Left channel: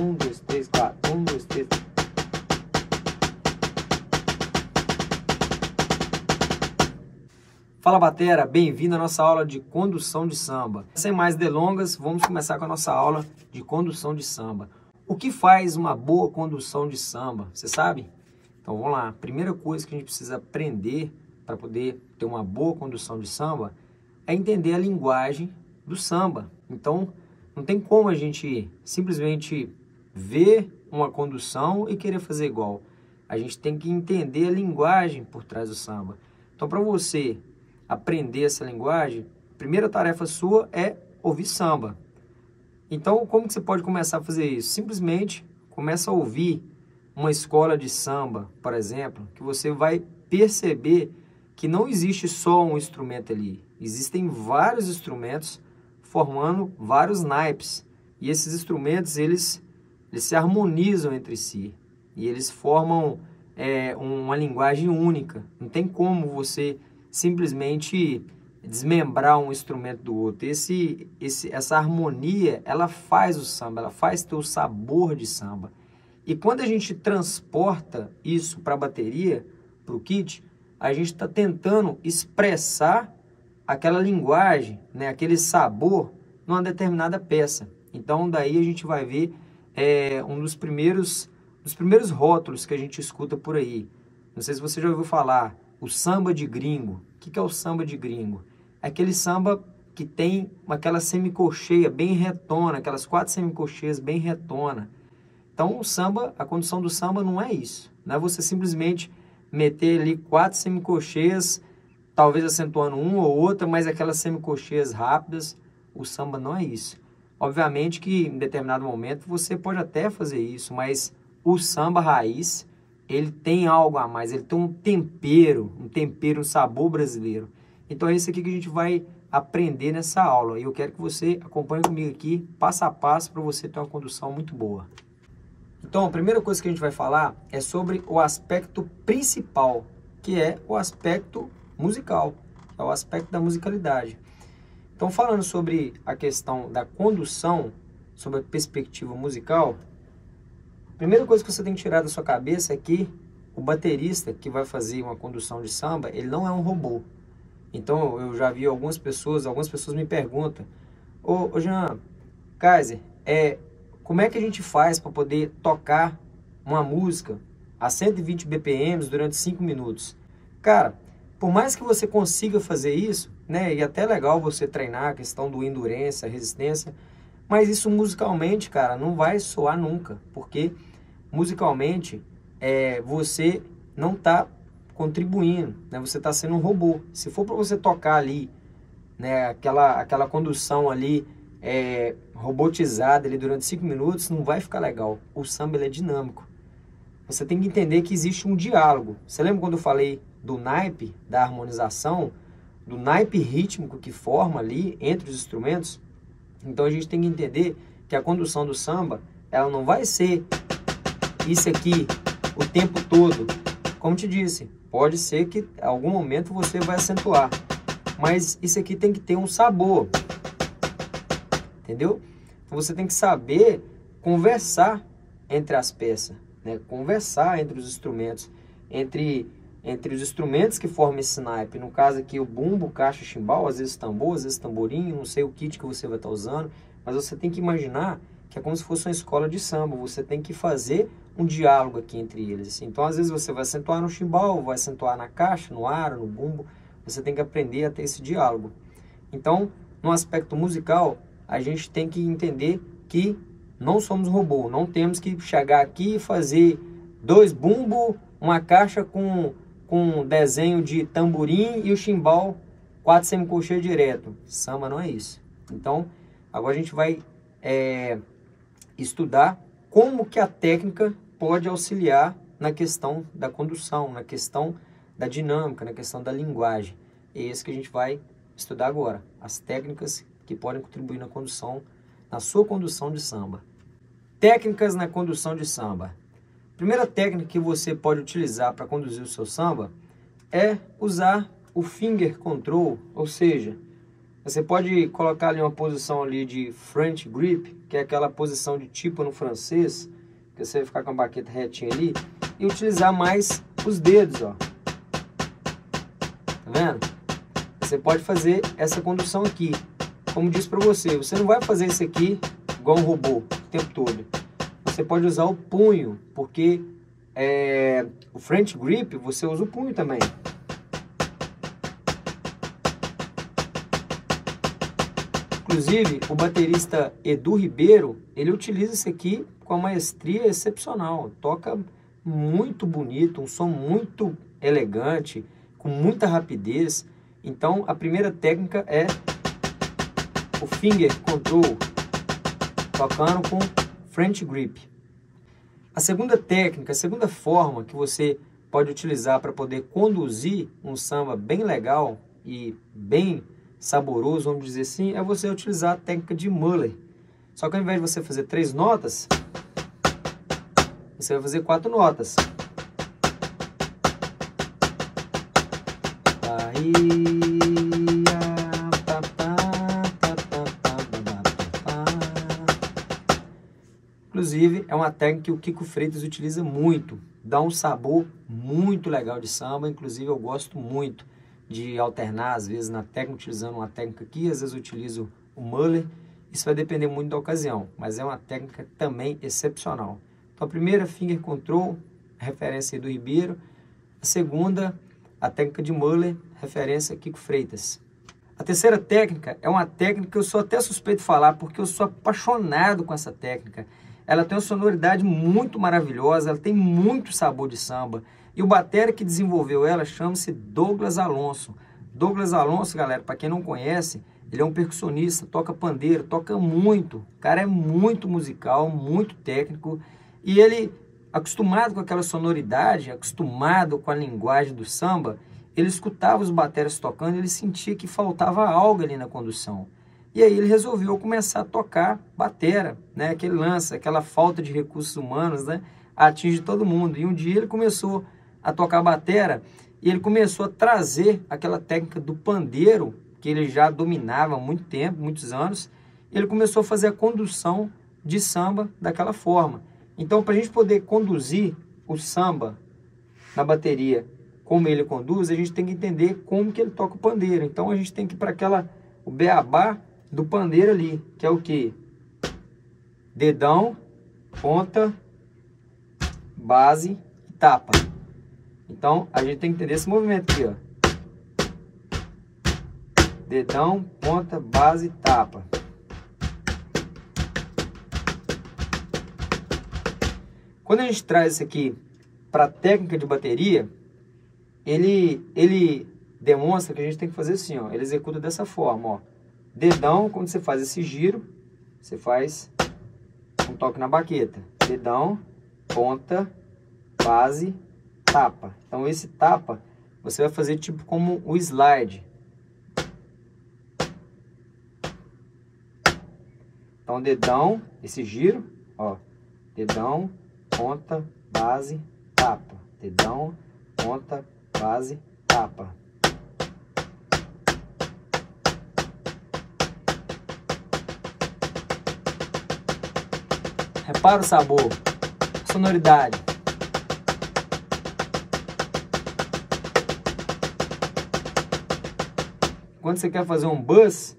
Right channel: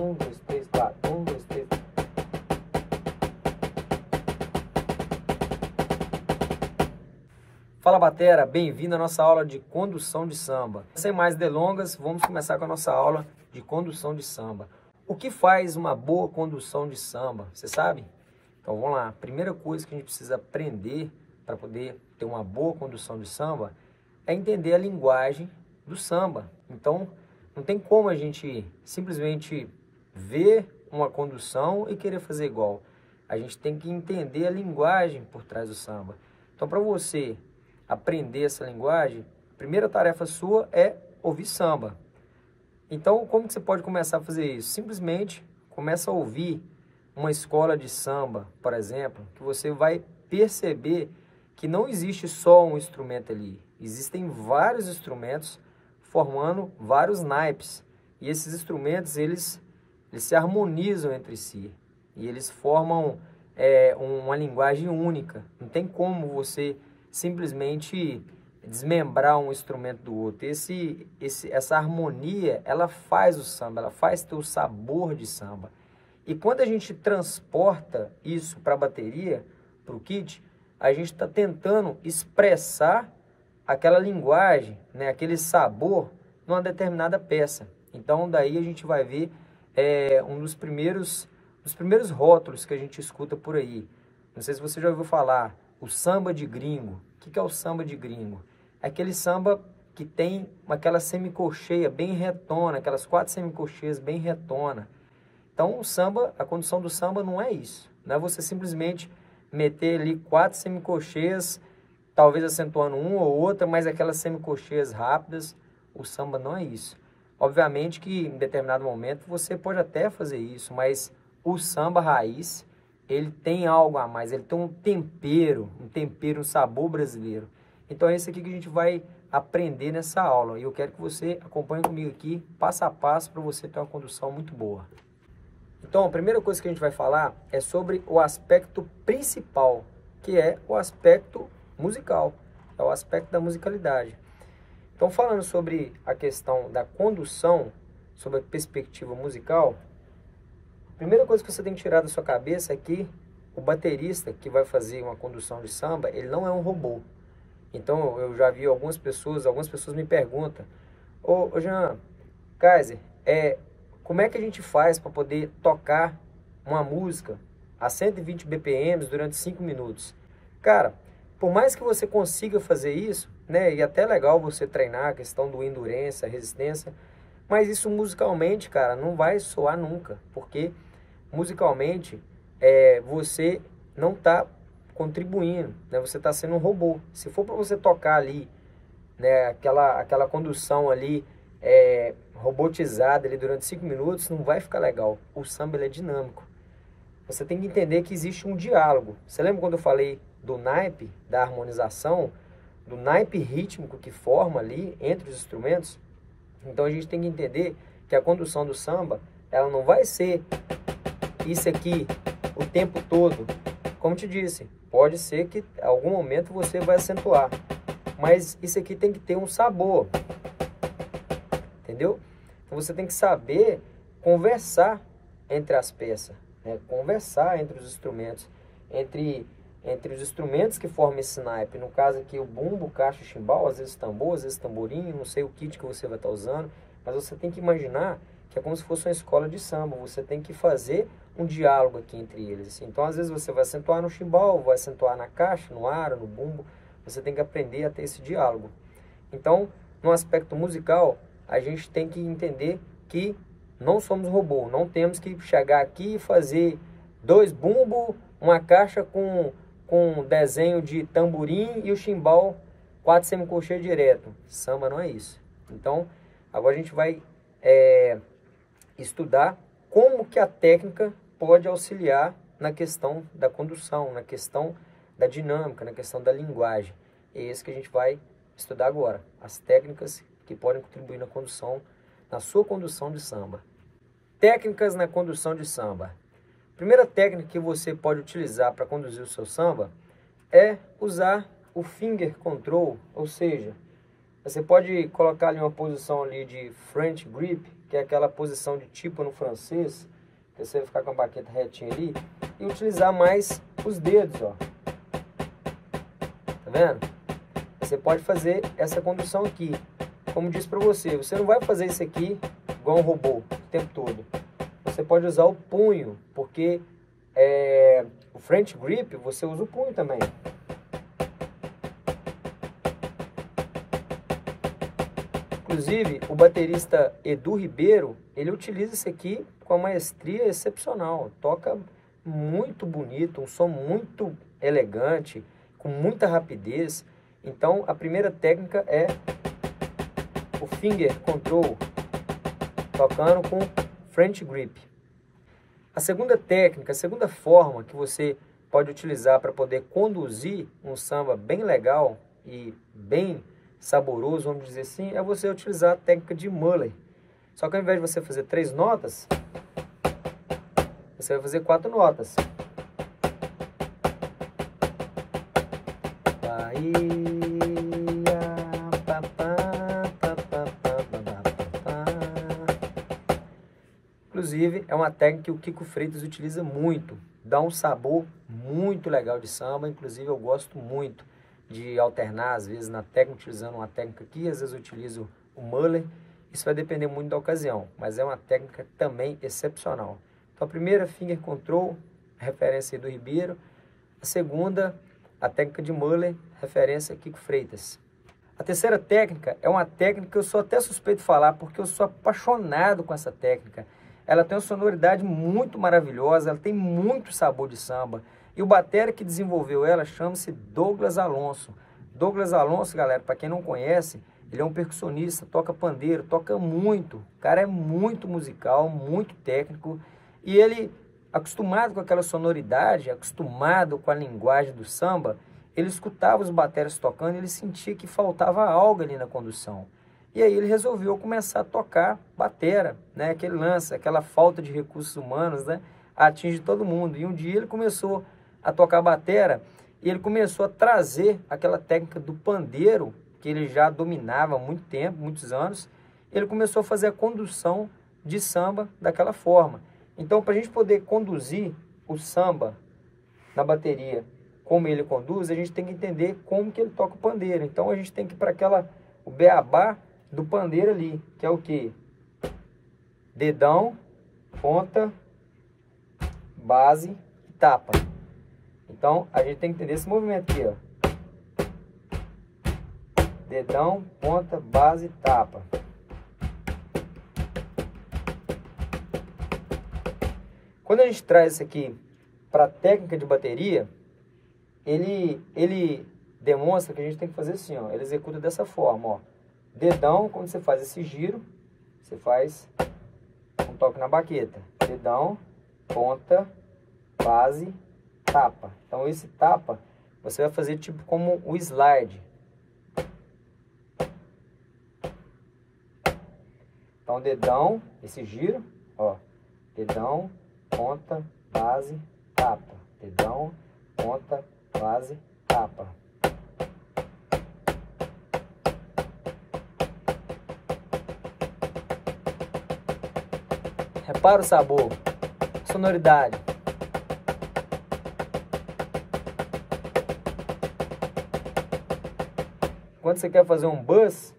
1, 2, 3, 4. 1, 2, 3. Fala, batera, bem-vindo à nossa aula de condução de samba. Sem mais delongas, vamos começar com a nossa aula de condução de samba. O que faz uma boa condução de samba? Você sabe? Então vamos lá. A primeira coisa que a gente precisa aprender para poder ter uma boa condução de samba é entender a linguagem do samba. Então não tem como a gente simplesmente ver uma condução e querer fazer igual. A gente tem que entender a linguagem por trás do samba. Então, para você aprender essa linguagem, a primeira tarefa sua é ouvir samba. Então, como que você pode começar a fazer isso? Simplesmente começa a ouvir uma escola de samba, por exemplo, que você vai perceber que não existe só um instrumento ali. Existem vários instrumentos formando vários naipes. E esses instrumentos, eles se harmonizam entre si. E eles formam uma linguagem única. Não tem como você simplesmente desmembrar um instrumento do outro. Essa harmonia, ela faz o samba, ela faz ter o sabor de samba. E quando a gente transporta isso para a bateria, para o kit, a gente está tentando expressar aquela linguagem, né, aquele sabor numa determinada peça. Então, daí a gente vai ver um dos primeiros rótulos que a gente escuta por aí. Não sei se você já ouviu falar, o samba de gringo. O que é o samba de gringo? É aquele samba que tem aquela semicolcheia bem retona, aquelas 4 semicolcheias bem retona. Então, o samba, a condução do samba não é isso. Não é você simplesmente meter ali 4 semicolcheias, talvez acentuando uma ou outra, mas aquelas semicolcheias rápidas. O samba não é isso. Obviamente que em determinado momento você pode até fazer isso, mas o samba raiz, ele tem algo a mais, ele tem um tempero, um sabor brasileiro. Então é isso aqui que a gente vai aprender nessa aula. E eu quero que você acompanhe comigo aqui, passo a passo, para você ter uma condução muito boa. Então a primeira coisa que a gente vai falar é sobre o aspecto principal, que é o aspecto musical, é o aspecto da musicalidade. Então, falando sobre a questão da condução, sobre a perspectiva musical, a primeira coisa que você tem que tirar da sua cabeça é que o baterista que vai fazer uma condução de samba, ele não é um robô. Então, eu já vi algumas pessoas me perguntam, ô Jean, Kaiser, como é que a gente faz para poder tocar uma música a 120 BPM durante 5 minutos? Cara, por mais que você consiga fazer isso, né, e até é legal você treinar a questão do endurance, a resistência, mas isso musicalmente, cara, não vai soar nunca, porque musicalmente você não está contribuindo, né, você está sendo um robô. Se for para você tocar ali, né, aquela condução ali robotizada ali durante 5 minutos, não vai ficar legal. O samba, ele é dinâmico. Você tem que entender que existe um diálogo. Você lembra quando eu falei do naipe, da harmonização, do naipe rítmico que forma ali entre os instrumentos? Então a gente tem que entender que a condução do samba, ela não vai ser isso aqui o tempo todo. Como te disse, pode ser que em algum momento você vai acentuar, mas isso aqui tem que ter um sabor, entendeu? Então você tem que saber conversar entre as peças, né? Conversar entre os instrumentos, entre os instrumentos que formam esse naipe. No caso aqui, o bumbo, caixa, chimbal, às vezes tambor, às vezes tamborim, não sei o kit que você vai estar usando, mas você tem que imaginar que é como se fosse uma escola de samba. Você tem que fazer um diálogo aqui entre eles, assim. Então, às vezes você vai acentuar no chimbal, vai acentuar na caixa, no aro, no bumbo. Você tem que aprender a ter esse diálogo. Então, no aspecto musical, a gente tem que entender que não somos robô. Não temos que chegar aqui e fazer 2 bumbos, uma caixa com desenho de tamborim e o chimbal 4 semicolcheias direto. Samba não é isso. Então, agora a gente vai estudar como que a técnica pode auxiliar na questão da condução, na questão da dinâmica, na questão da linguagem. É isso que a gente vai estudar agora. As técnicas que podem contribuir na condução, na sua condução de samba. Técnicas na condução de samba. A primeira técnica que você pode utilizar para conduzir o seu samba é usar o finger control, ou seja, Você pode colocar ali uma posição ali de French grip, que é aquela posição de tipo no francês, que você vai ficar com a baqueta retinha ali, e utilizar mais os dedos, ó. Tá vendo? Você pode fazer essa condução aqui. Como disse para você, você não vai fazer isso aqui igual um robô o tempo todo. Você pode usar o punho, porque o French grip você usa o punho também. Inclusive, o baterista Edu Ribeiro, ele utiliza isso aqui com uma maestria excepcional. Toca muito bonito, um som muito elegante, com muita rapidez. Então, a primeira técnica é o finger control, tocando com French grip. A segunda técnica, a segunda forma que você pode utilizar para poder conduzir um samba bem legal e bem saboroso, vamos dizer assim, é você utilizar a técnica de Muller. Só que ao invés de você fazer 3 notas, você vai fazer 4 notas. Inclusive, é uma técnica que o Kiko Freitas utiliza muito. Dá um sabor muito legal de samba. Inclusive, eu gosto muito de alternar, às vezes, na técnica, utilizando uma técnica aqui, às vezes eu utilizo o Muller. Isso vai depender muito da ocasião, mas é uma técnica também excepcional. Então, a primeira, finger control, referência do Ribeiro. A segunda, a técnica de Muller, referência Kiko Freitas. A terceira técnica é uma técnica que eu sou até suspeito de falar, porque eu sou apaixonado com essa técnica. Ela tem uma sonoridade muito maravilhosa, ela tem muito sabor de samba. E o batera que desenvolveu ela chama-se Douglas Alonso. Douglas Alonso, galera, para quem não conhece, ele é um percussionista, toca pandeiro, toca muito. O cara é muito musical, muito técnico. E ele, acostumado com aquela sonoridade, acostumado com a linguagem do samba, ele escutava os bateras tocando e ele sentia que faltava algo ali na condução. E aí ele resolveu começar a tocar batera, né? Aquele lance, aquela falta de recursos humanos, né? Atinge todo mundo. E um dia ele começou a tocar batera e ele começou a trazer aquela técnica do pandeiro, que ele já dominava há muito tempo, muitos anos. Ele começou a fazer a condução de samba daquela forma. Então, para a gente poder conduzir o samba na bateria como ele conduz, a gente tem que entender como que ele toca o pandeiro. Então, a gente tem que ir para o beabá do pandeiro ali, que é o quê? Dedão, ponta, base e tapa. Então, a gente tem que entender esse movimento aqui, ó. Dedão, ponta, base, tapa. Quando a gente traz isso aqui para a técnica de bateria, ele demonstra que a gente tem que fazer assim, ó. Ele executa dessa forma, ó. Dedão, quando você faz esse giro, você faz um toque na baqueta. Dedão, ponta, base, tapa. Então, esse tapa, você vai fazer tipo como o slide. Então, dedão, esse giro, ó. Dedão, ponta, base, tapa. Dedão, ponta, base, tapa. Repara o sabor, sonoridade. Quando você quer fazer um buzz,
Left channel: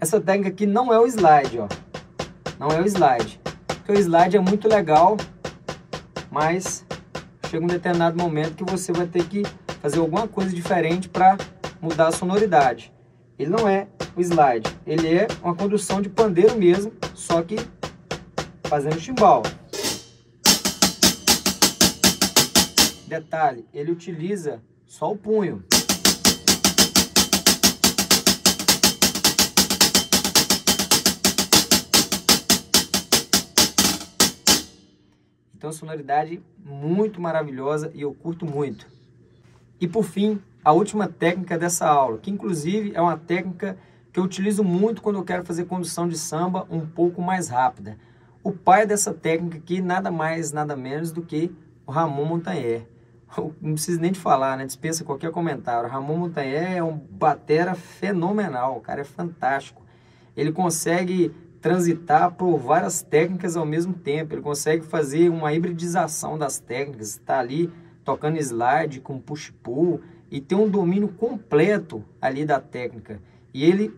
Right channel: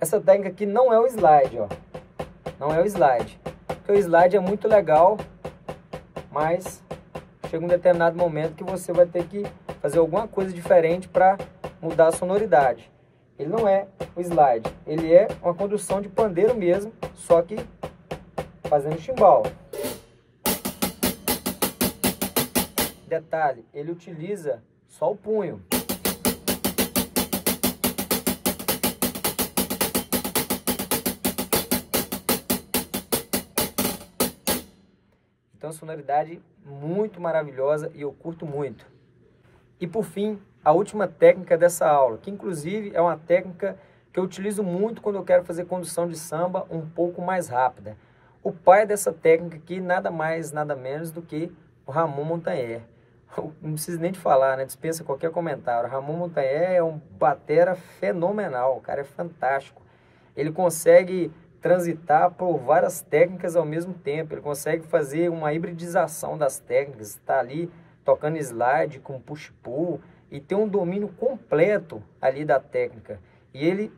essa técnica aqui não é o slide, ó. Não é o slide. Porque o slide é muito legal, mas chega um determinado momento que você vai ter que fazer alguma coisa diferente para mudar a sonoridade. Ele não é o slide, ele é uma condução de pandeiro mesmo, só que fazendo chimbal. Detalhe, ele utiliza só o punho. Então, sonoridade muito maravilhosa e eu curto muito. E por fim, a última técnica dessa aula, que inclusive é uma técnica que eu utilizo muito quando eu quero fazer condução de samba um pouco mais rápida. O pai dessa técnica aqui, nada mais, nada menos do que o Ramon Montagnais. Não preciso nem de falar, né? Dispensa qualquer comentário. O Ramon Montagnais é um batera fenomenal, o cara é fantástico. Ele consegue transitar por várias técnicas ao mesmo tempo, ele consegue fazer uma hibridização das técnicas, está ali tocando slide com push-pull e tem um domínio completo ali da técnica. E ele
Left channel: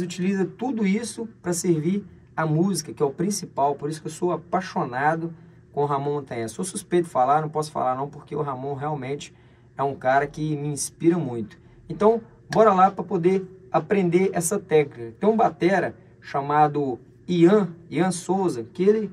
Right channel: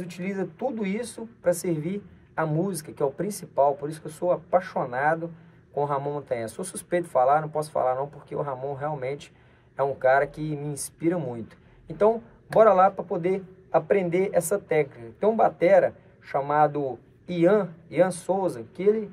utiliza tudo isso para servir a música, que é o principal, por isso que eu sou apaixonado com o Ramon Montagnais. Sou suspeito de falar, não posso falar não, porque o Ramon realmente é um cara que me inspira muito. Então, bora lá para poder aprender essa técnica. Tem um batera chamado Ian Souza, que ele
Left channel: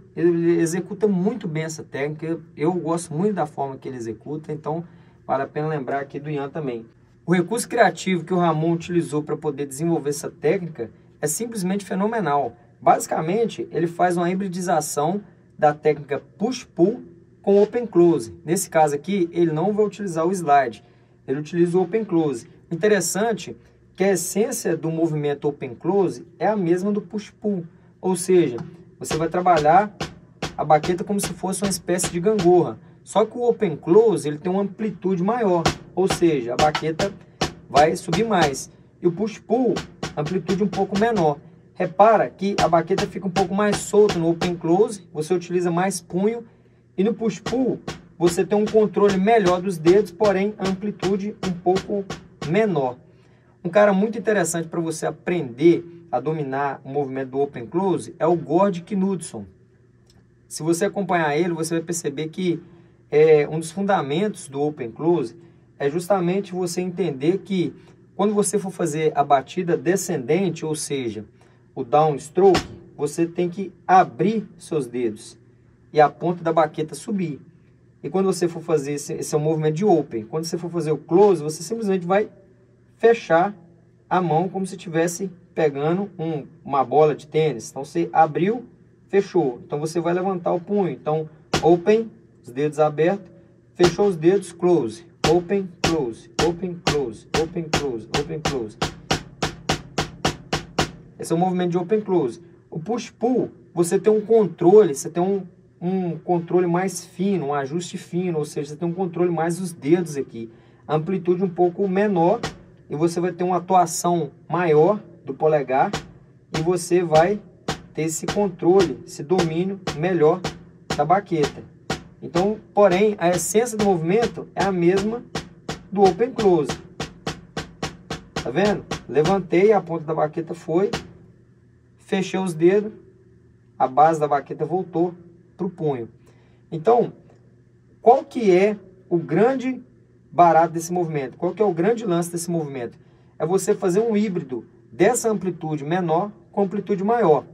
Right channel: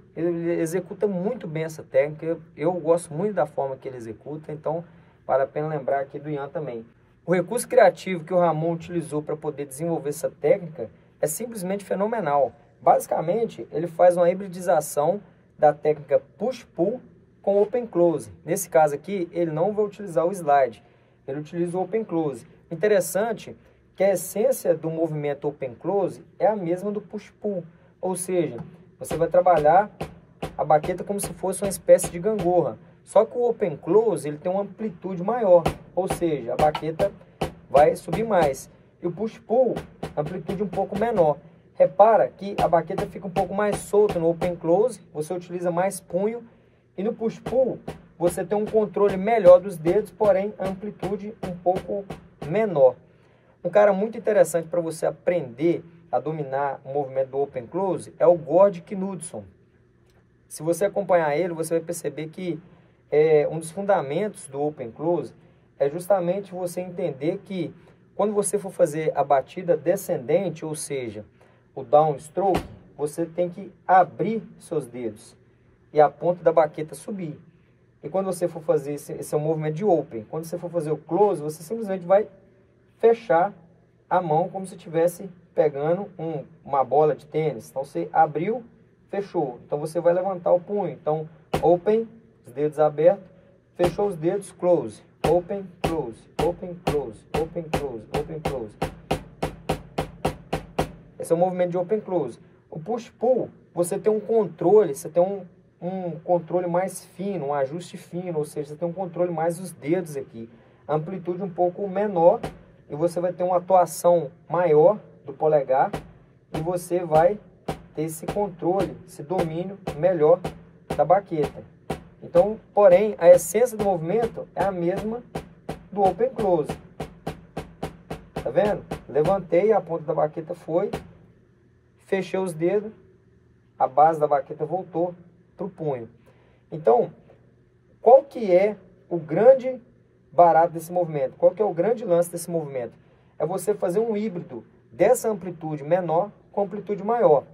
executa muito bem essa técnica. Eu gosto muito da forma que ele executa, então vale a pena lembrar aqui do Ian também. O recurso criativo que o Ramon utilizou para poder desenvolver essa técnica é simplesmente fenomenal. Basicamente, ele faz uma hibridização da técnica push-pull com open-close. Nesse caso aqui, ele não vai utilizar o slide, ele utiliza o open-close. Interessante que a essência do movimento open-close é a mesma do push-pull, ou seja, você vai trabalhar a baqueta como se fosse uma espécie de gangorra. Só que o open-close ele tem uma amplitude maior, ou seja, a baqueta vai subir mais. E o push-pull, amplitude um pouco menor. Repara que a baqueta fica um pouco mais solta no open close, você utiliza mais punho, e no push pull você tem um controle melhor dos dedos, porém amplitude um pouco menor. Um cara muito interessante para você aprender a dominar o movimento do open close é o Gord Knudson. Se você acompanhar ele, você vai perceber que um dos fundamentos do open close é justamente você entender que quando você for fazer a batida descendente, ou seja, o downstroke, você tem que abrir seus dedos e a ponta da baqueta subir. E quando você for fazer esse é o movimento de open. Quando você for fazer o close, você simplesmente vai fechar a mão como se estivesse pegando uma bola de tênis. Então você abriu, fechou. Então você vai levantar o punho. Então open, os dedos abertos, fechou os dedos, close, open, close, open, close, open, close, open, close. Esse é o movimento de open close. O push pull, você tem um controle, você tem um controle mais fino, um ajuste fino, ou seja, você tem um controle mais dos dedos aqui. A amplitude um pouco menor e você vai ter uma atuação maior do polegar e você vai ter esse controle, esse domínio melhor da baqueta. Então, porém, a essência do movimento é a mesma do open close. Tá vendo? Levantei, a ponta da baqueta foi, fechei os dedos, a base da baqueta voltou para o punho. Então, qual que é o grande barato desse movimento? Qual que é o grande lance desse movimento? É você fazer um híbrido dessa amplitude menor com amplitude maior.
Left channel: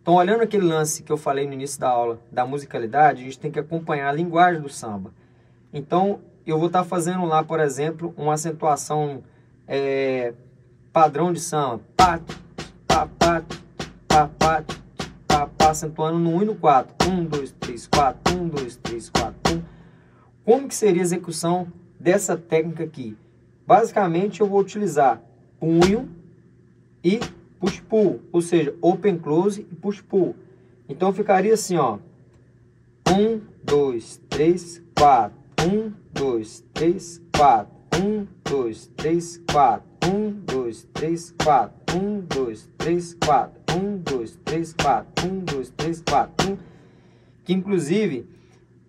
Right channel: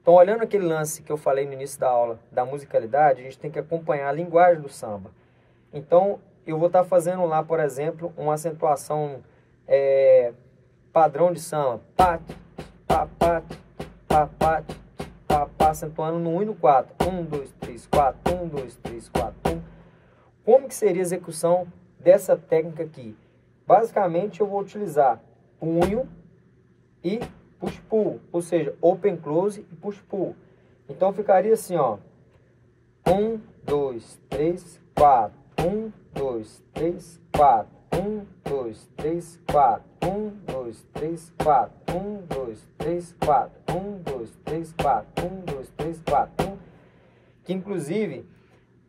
Então, olhando aquele lance que eu falei no início da aula, da musicalidade, a gente tem que acompanhar a linguagem do samba. Então, eu vou estar fazendo lá, por exemplo, uma acentuação padrão de samba. Pá, pá, pá, pá, pá, pá, pá, acentuando no 1 e no 4. 1, 2, 3, 4, 1, 2, 3, 4, 1. Como que seria a execução dessa técnica aqui? Basicamente, eu vou utilizar punho e push-pull, ou seja, open close e push-pull. Então, ficaria assim, ó. 1, 2, 3, 4. 1, 2, 3, 4. 1, 2, 3, 4. 1, 2, 3, 4. 1, 2, 3, 4. 1, 2, 3, 4. 1, 2, 3, 4. 1. Que, inclusive,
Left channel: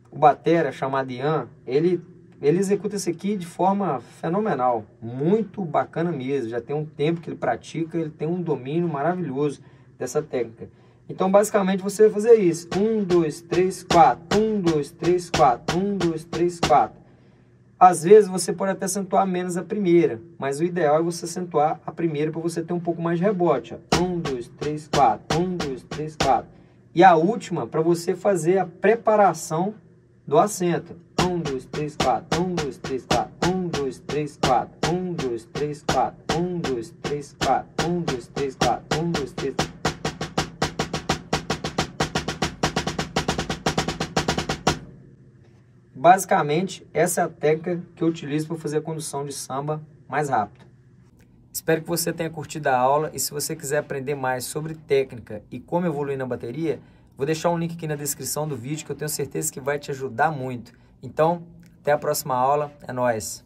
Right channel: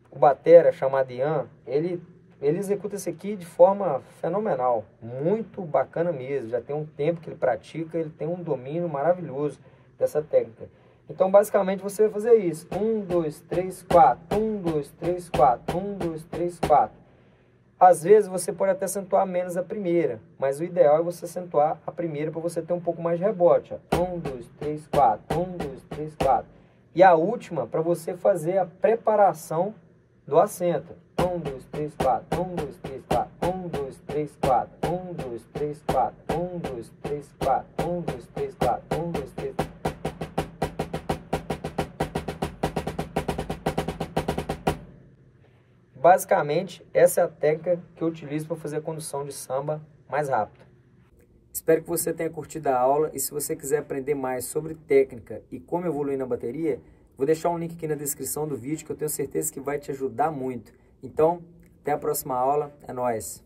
o batera chamado Ian, ele executa isso aqui de forma fenomenal, muito bacana mesmo. Já tem um tempo que ele pratica, ele tem um domínio maravilhoso dessa técnica. Então, basicamente, você vai fazer isso. 1, 2, 3, 4. 1, 2, 3, 4. 1, 2, 3, 4. Às vezes, você pode até acentuar menos a primeira, mas o ideal é você acentuar a primeira para você ter um pouco mais de rebote. 1, 2, 3, 4. 1, 2, 3, 4. E a última, para você fazer a preparação do acento. 1, 2, 3, 4. 1, 2, 3, 4. 1, 2, 3, 4. 1, 2, 3, 4. 1, 2, 3, 4. 1, 2, 3, 4. 1, 2, 3, 4. Basicamente, essa é a técnica que eu utilizo para fazer a condução de samba mais rápido. Espero que você tenha curtido a aula e se você quiser aprender mais sobre técnica e como evoluir na bateria, Vou deixar um link aqui na descrição do vídeo que eu tenho certeza que vai te ajudar muito. Então, até a próxima aula. É nóis!